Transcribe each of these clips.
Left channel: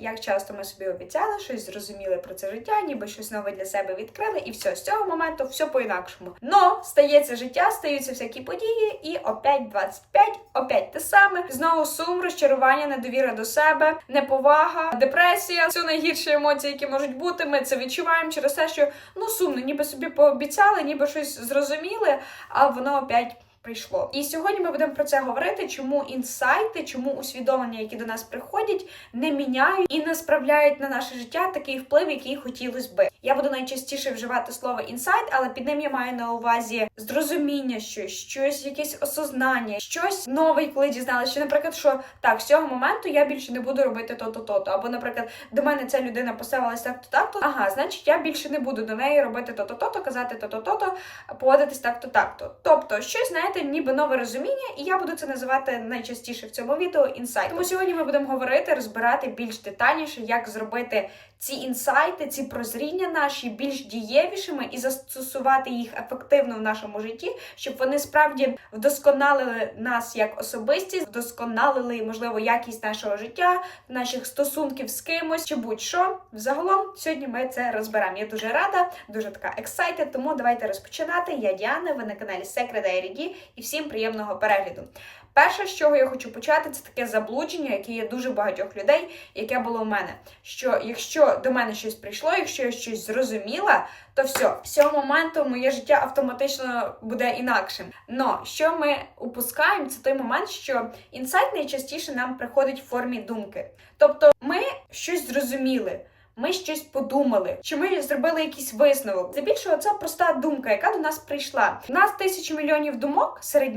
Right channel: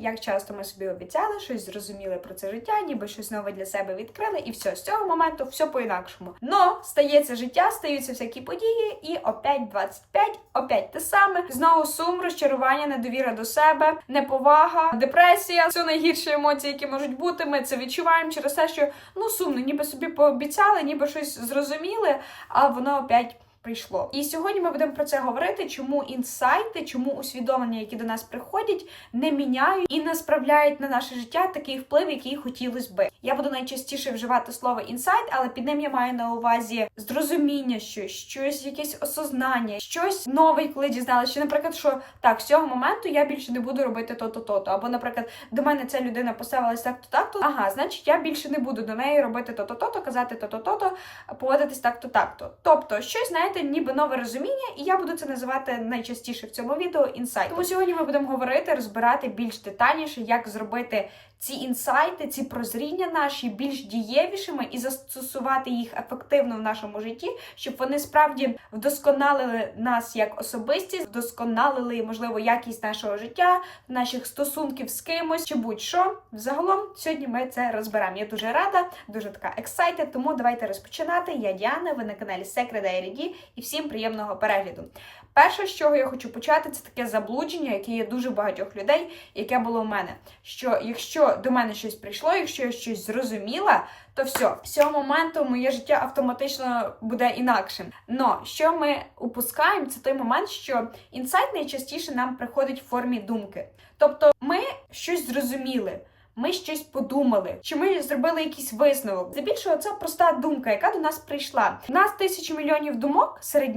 Як часто ми собі обіцяли, щось зрозуміли про це життя, ніби щось нове для себе відкрили, і все з цього моменту все по-інакшому. Но стається життя, стаються всякі події, і опять 25, опять те саме. Знову сум, розчарування, недовіра до себе, неповага, депресія. Все найгірші емоції, які можуть бути. Ми це відчуваємо через те, що ну сумно, ніби собі пообіцяли, ніби щось зрозуміли, а воно опять. Прийшло. І сьогодні ми будемо про це говорити, чому інсайти, чому усвідомлення, які до нас приходять, не міняють і не справляють на наше життя такий вплив, який хотілося би. Я буду найчастіше вживати слово інсайт, але під ним я маю на увазі зрозуміння, щось, щось, якесь осознання, щось нове, коли дізналася, що, наприклад, що так, з цього моменту я більше не буду робити то-то, то-то. Або, наприклад, до мене ця людина поставилась так-то, так-то. Ага, значить, я більше не буду до неї робити то-то, то-то, казати то-то, то-то, поводитись так-то, так-то. Тобто, щось, знаєте, ніби нове розуміння, і я буду це називати найчастіше в цьому відео інсайт. Тому сьогодні ми будемо говорити, розбирати більш детальніше, як зробити ці інсайти, ці прозріння наші більш дієвішими і застосувати їх ефективно в нашому житті, щоб вони справді вдосконалили нас як особистість, вдосконалили, можливо, якість нашого життя, наших стосунків з кимось чи будь-що. Взагалом, сьогодні ми це розберемо. Я дуже рада, дуже така excited, тому давайте розпочинати. Я Діана, ви на каналі Secret Diary і всім приємного перегляду. Перше, з чого я хочу почати, це таке заблудження, яке є дуже багатьох людей, яке було в мене. Що якщо до мене щось прийшло, якщо я щось зрозуміла, то все, з цього моменту моє життя автоматично буде інакшим. Но що ми упускаємо, це той момент, що інсайт найчастіше нам приходить в формі думки. Тобто, ми щось зрозуміли. Ми щось подумали, чи ми зробили якийсь висновок. Здебільшого це проста думка, яка до нас прийшла. У нас тисячі мільйонів думок серед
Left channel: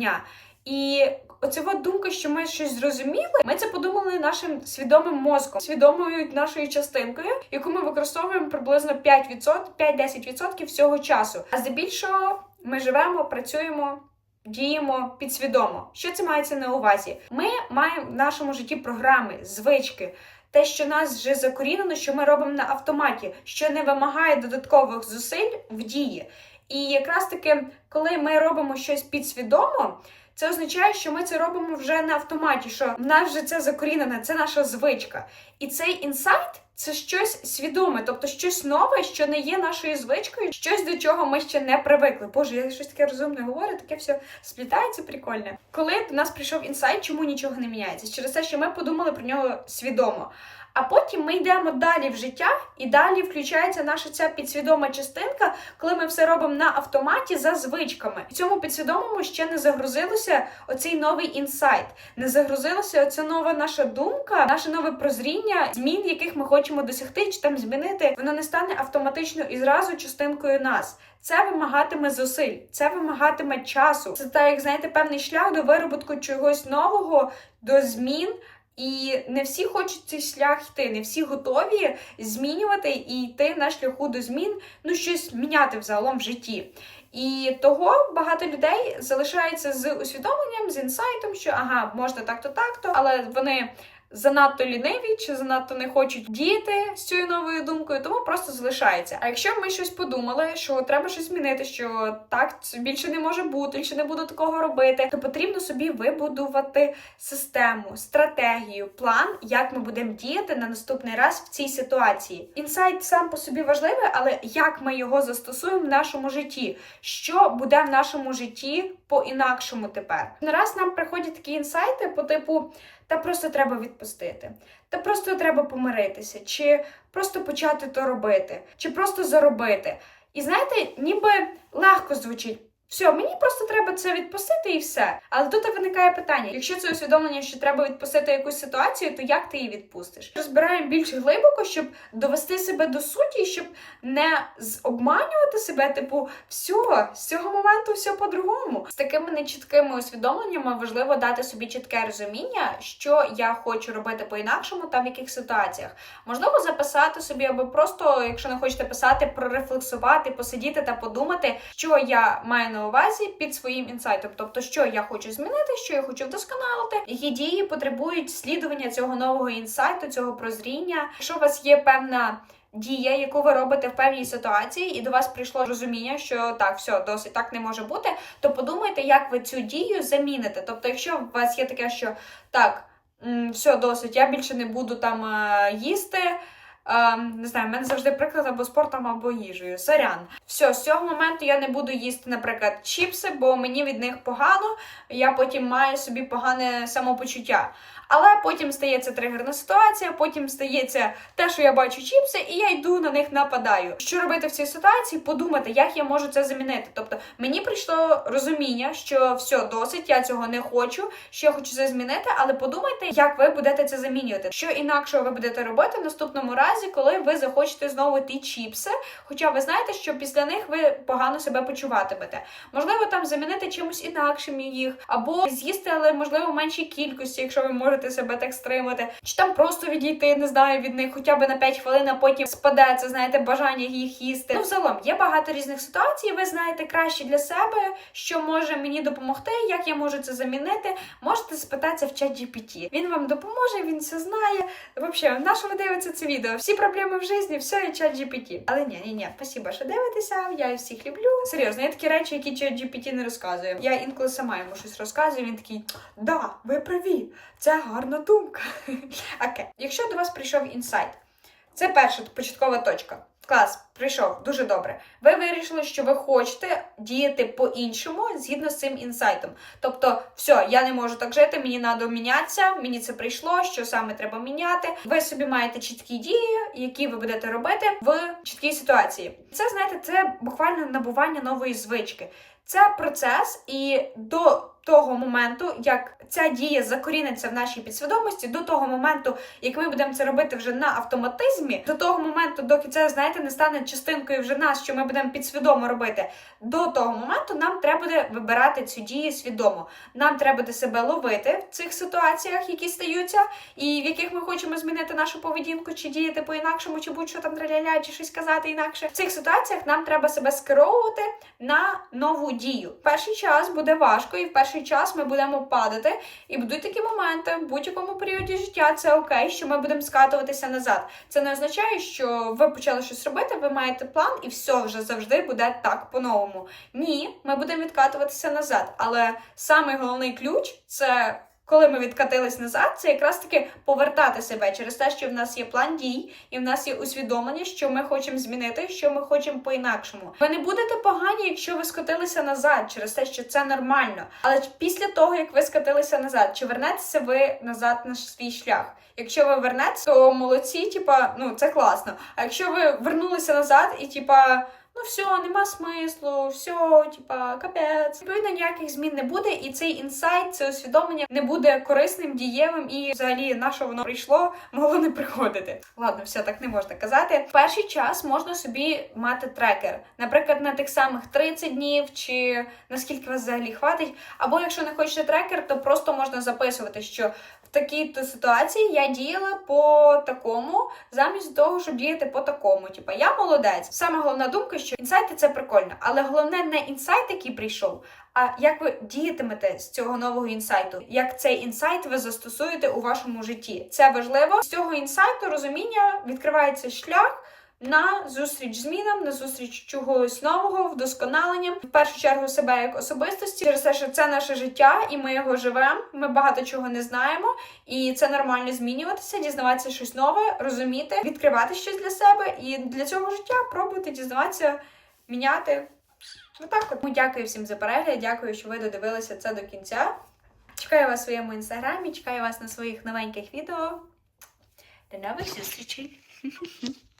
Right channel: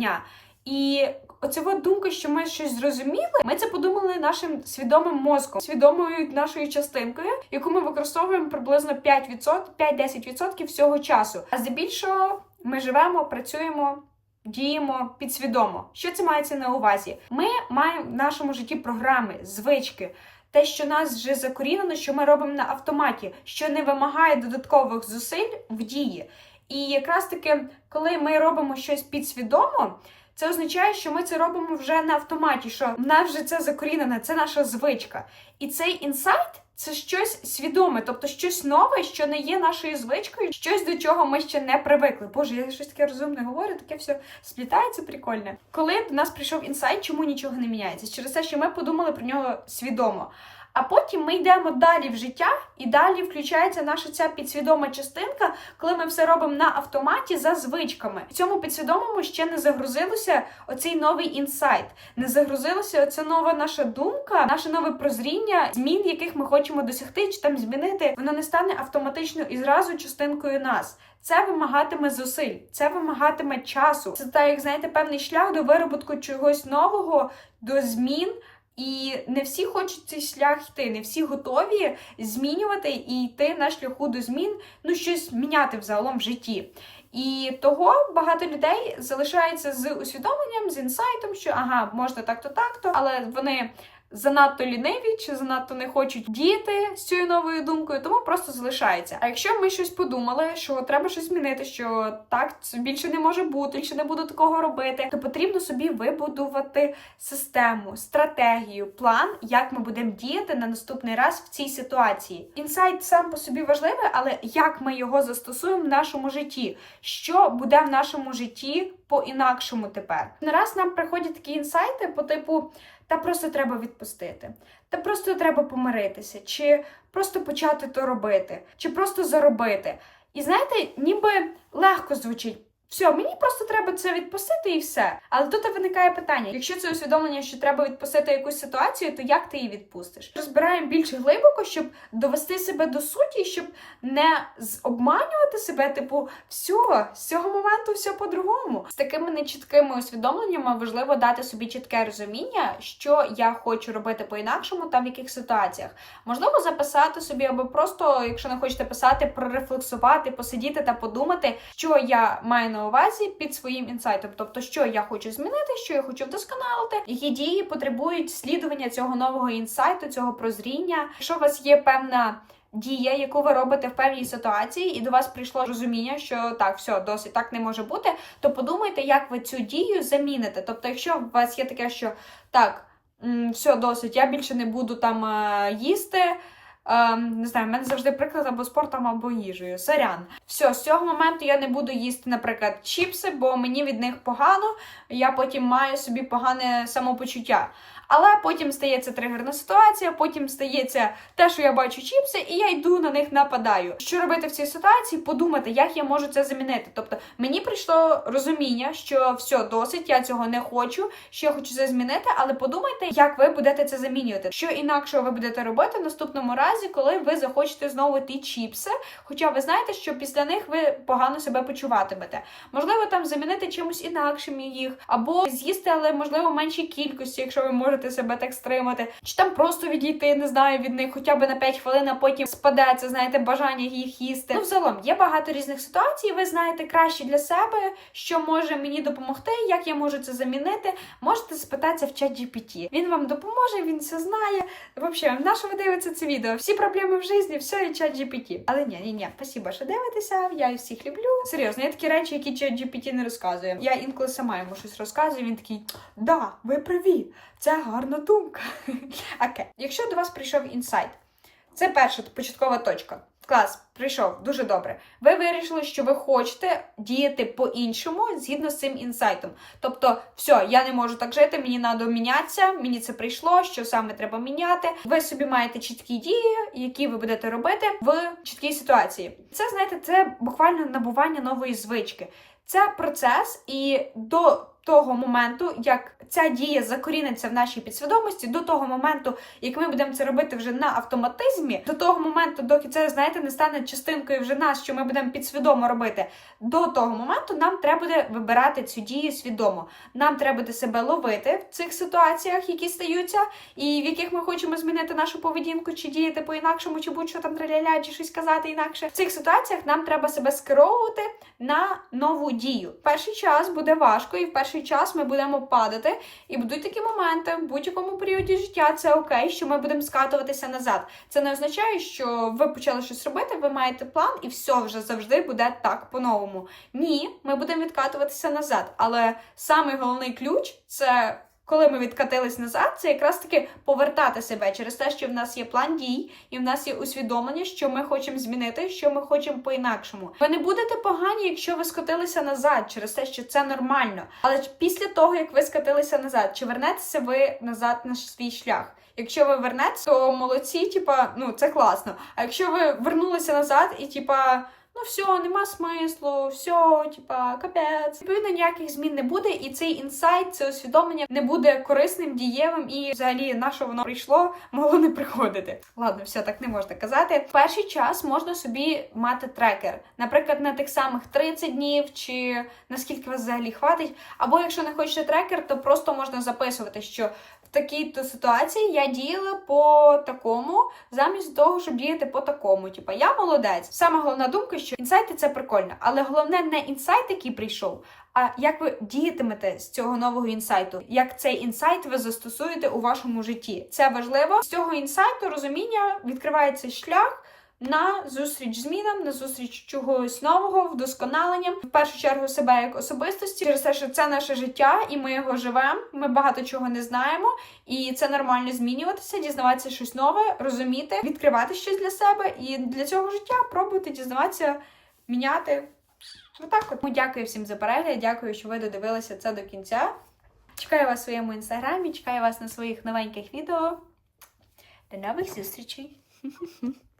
і оця от думка, що ми щось зрозуміли, ми це подумали нашим свідомим мозком, свідомою нашою частинкою, яку ми використовуємо приблизно 5%, 5-10% всього часу. А здебільшого ми живемо, працюємо. Діємо підсвідомо. Що це мається на увазі? Ми маємо в нашому житті програми, звички, те, що нас вже закорінено, що ми робимо на автоматі, що не вимагає додаткових зусиль в дії. І якраз таки, коли ми робимо щось підсвідомо, це означає, що ми це робимо вже на автоматі, що в нас вже це закорінене, це наша звичка. І цей інсайт це щось свідоме, тобто щось нове, що не є нашою звичкою, щось до чого ми ще не привикли. Боже, я щось таке розумне говорю, таке все сплітається прикольне. Коли до нас прийшов інсайт, чому нічого не міняється? Через те, що ми подумали про нього свідомо. А потім ми йдемо далі в життя, і далі включається наша ця підсвідома частинка, коли ми все робимо на автоматі за звичками. В цьому підсвідомому ще не загрузилося оцей новий інсайт, не загрузилася оця нова наша думка, наше нове прозріння, змін, яких ми хочемо досягти, чи там змінити, воно не стане автоматично і зразу частинкою нас. Це вимагатиме зусиль, це вимагатиме часу. Це так, як знаєте, певний шлях до вироботку чогось нового, до змін. І не всі хочуть цей шлях йти, не всі готові змінювати і йти на шляху до змін, ну щось міняти взагалом в житті. І того багато людей залишається з усвідомленням, з інсайтом, що ага, можна так-то, так-то, але вони занадто ліниві чи занадто не хочуть діяти з цією новою думкою, тому просто залишається. А якщо ми щось подумали, що треба щось змінити, що так більше не може бути, більше не буду такого робити, то потрібно собі вибудувати систему, стратегію, план, як ми будемо діяти на наступний раз в цій ситуації. Інсайт сам по собі важливий, але як ми його застосуємо в нашому житті, що буде в нашому житті по-інакшому тепер. Не раз нам приходять такі інсайти по типу. Та просто треба відпустити, та просто треба помиритися, чи просто почати то робити, чи просто заробити. І знаєте, ніби легко звучить. Все, мені просто треба це відпустити і все. Але тут виникає питання: якщо це усвідомлення, що треба відпустити якусь ситуацію, то як ти її відпустиш? Розбираємо більш глибоко, щоб довести себе до суті, щоб не обманювати себе, типу, все, з цього моменту все по-другому. З такими нечіткими усвідомленнями важливо дати собі чітке розуміння, що я хочу робити по-інакшому, та в яких ситуаціях. Можливо, записати собі, або просто, якщо не хочете писати, прорефлексувати, посидіти та подумати, що я маю на увазі під своїм інсайтом, тобто, що я хочу змінити, що я хочу вдосконалити, які дії потребують слідування цього нового інсайту, цього прозріння. Якщо у вас є певна дія, яку ви робите в певній ситуації, і до вас прийшло розуміння, що так, все, досить так не може бути, то подумайте, як ви цю дію заміните. Тобто, якщо у вас є таке, що так. все, досить, я більше не буду там е, їсти. Ем, не знаю, в мене завжди приклад або спортом, або їжею. Сорян. Все, з цього моменту я не буду їсти, наприклад, чіпси, бо мені від них погано, я потім маю собі погане самопочуття. Але потім стається тригерна ситуація, потім стається те, що я бачу чіпси, і я йду на них нападаю. Що робити в цій ситуації? Подумати, як я можу це замінити. Тобто мені прийшло розуміння, що все досить, я цього не хочу, що я хочу це змінити, але подумайте, як ви будете це замінювати. Що інакше ви будете робити в наступному разі, коли ви захочете знову ті чіпси. Хоча ви знаєте, що після них ви погано себе почуватимете. Можливо, там замінити чимось інакшим їх, або з'їсти, але можливо меншій кількості, якщо ви можете себе так стримати, чи там просто відійти, не знаю, від них хоча б на 5 хвилин, а потім спаде це, знаєте, бажання їх їсти. Ну, взагалом є багато різних ситуацій. Ви знаєте краще для себе, що може мені допомогти, як я можу це замінити. Можете спитатися в чат GPT. Він вам допоможе, він все знає. Взагалі, на що ви дивитеся це відео? Всі проблеми в житті, все і чат GPT. Але ні, ні, ні, спасибо, що дивитеся. Я всіх люблю. Серйозно, є такі речі, які чат GPT не розказує. Я інколи сама йому щось розказую. Він такий: да, ви праві, це гарна думка. Окей, якщо до вас прийшов інсайт, це перша початкова точка. Клас, прийшов дуже добре. Ви вирішили, що ви хочете діяти по-іншому згідно з цим інсайтом. Тобто, все, я не можу так жити, мені треба мінятися, мені це прийшло, що саме треба міняти. Ви собі маєте чіткі дії, які ви будете робити в чіткій ситуації. Це знаєте, це буквально набування нової звички. Це процес, і до того моменту, як ця дія закоріниться в нашій підсвідомості, до того моменту, як ми будемо це робити вже на автоматизмі, до того моменту, доки це знаєте, не стане частинкою вже нас, що ми будемо підсвідомо робити. До того моменту нам треба буде вибирати цю дію свідомо. Нам треба буде себе ловити в цих ситуаціях, які стаються, і в яких ми хочемо змінити нашу поведінку, чи діяти по-інакшому, чи будь-що там траляля, чи щось казати інакше. В цих ситуаціях нам треба себе скеровувати на нову дію. Перший час буде важко, і в перший час ми будемо падати. І будуть такі моменти в будь-якому періоді життя. Це окей, що ми будемо скатуватися назад. Це не означає, що ви почали щось робити, ви маєте план, і все вже завжди буде так по-новому. Ні, ми будемо відкатуватися назад. Але самий головний ключ це. Коли ми відкатились назад, це якраз таки повертати себе через те, що в нас є план дій, і в нас є усвідомлення, що ми хочемо змінити, що ми хочемо по-інакшому. Ви не будете погані, якщо ви скотилися назад, через те, що це нормально. Але після того, як ви скотилися назад, чи вернетеся ви назад на свій шлях? Якщо ви вернетеся, то молодці, типа, ну це класно. А якщо ви вернулися назад і типа. Ну, все, нема смислу, все, типа, капець. Відповідно, ніяких змін не буде, і цей інсайт, це усвідомлення не буде корисним, дієвим і взагалі на що воно прийшло, могло не приходити. Ладно, все так не можна казати. В перший час можна собі мати трекер, наприклад, на тих самих 30 днів, чи наскільки вас взагалі хватить. Або якщо не хочете трекер, то просто можна записувати, що в такій-то ситуації я діяла по такому, замість того, щоб діяти по такому. Типа я молодець. Саме головна думка, що інсайти це прикольно, але головне не інсайт, який прийшов. А як ви діятимете з цього нового інсайту? Як цей інсайт ви застосуєте у вашому житті? Це важливо. З цього інсайту розуміння відкривається шлях на зустріч змінам, на зустріч чогось нового, вдосконалення, в першу чергу себе як особистості, через те, що це наше життя, і ми його живемо. Ми багато чого не знаємо, і це нормально змінюватися, дізнаватися щось нове, розуміти, відкривати щось для себе. І для цього життя пробувати дізнаватися, міняти. Отак от. Дякую всім за перегляд. Дякую, що ви додивилися це до кінця. Чекаю вас в своєму інстаграмі, чекаю вас на своїх новеньких відео. До нових зустрічей!